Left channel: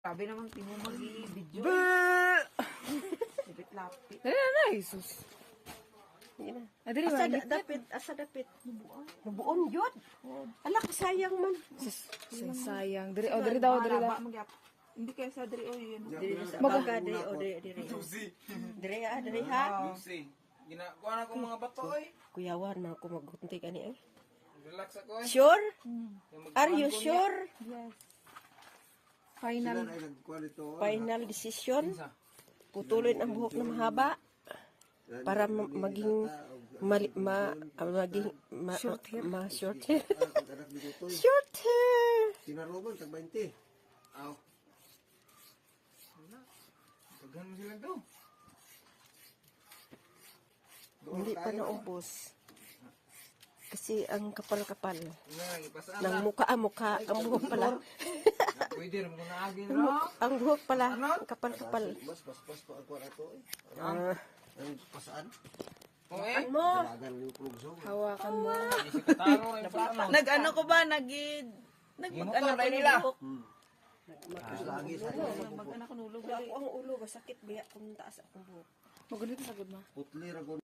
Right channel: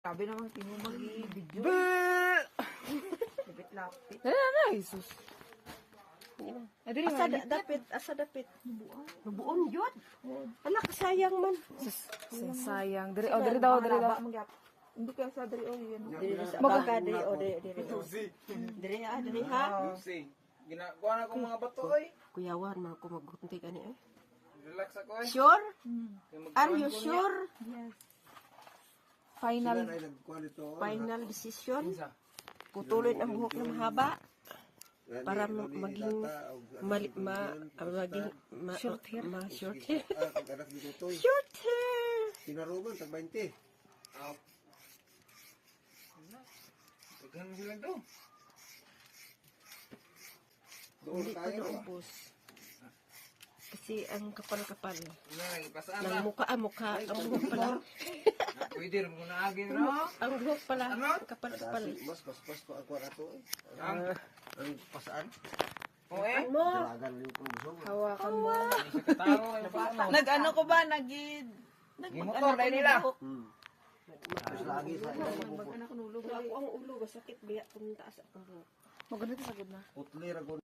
Sabi naman, tingo mag-i-video. Lapit-lapit. Na, Jesus. Asa dapit. Nabuon yun. Ala, kasayang man. Sayang. Diri daw. Hindi kaya sa Dri, yun. Baga, diri. Diri ha. Ginagawa na akong mga bato, oy. Kuyawan na ako maghunti ka ni. Relax ako, oy. Sure? Are you sure? Yes. Final decision? Putulin ang buhok na mahaba para maging short hair. Short hair. Tinaruban, tag 20. Aw. Paghan mo sila to. Hindi pa naubos. Kasi ang kapal-kapal. Pasaan ng na. mukha. Ang buhok pala. Pwede rin mo na agin, no? Ang buhok pala. Ang kapal-kapal. Mas pa ako ato eh. Ah. Ang pasaan. O, eh. Dalagan yung klubso. Hawakan mo. Hindi sa katao, eh. Paano? Nag-ano ko ba? Nag-ano tayo nila. Lagi sa Mag-ano ko nulog. Ako ang ulo. Masakit biya kung taas akong buhok. Maganda sagod na. Putli ra ko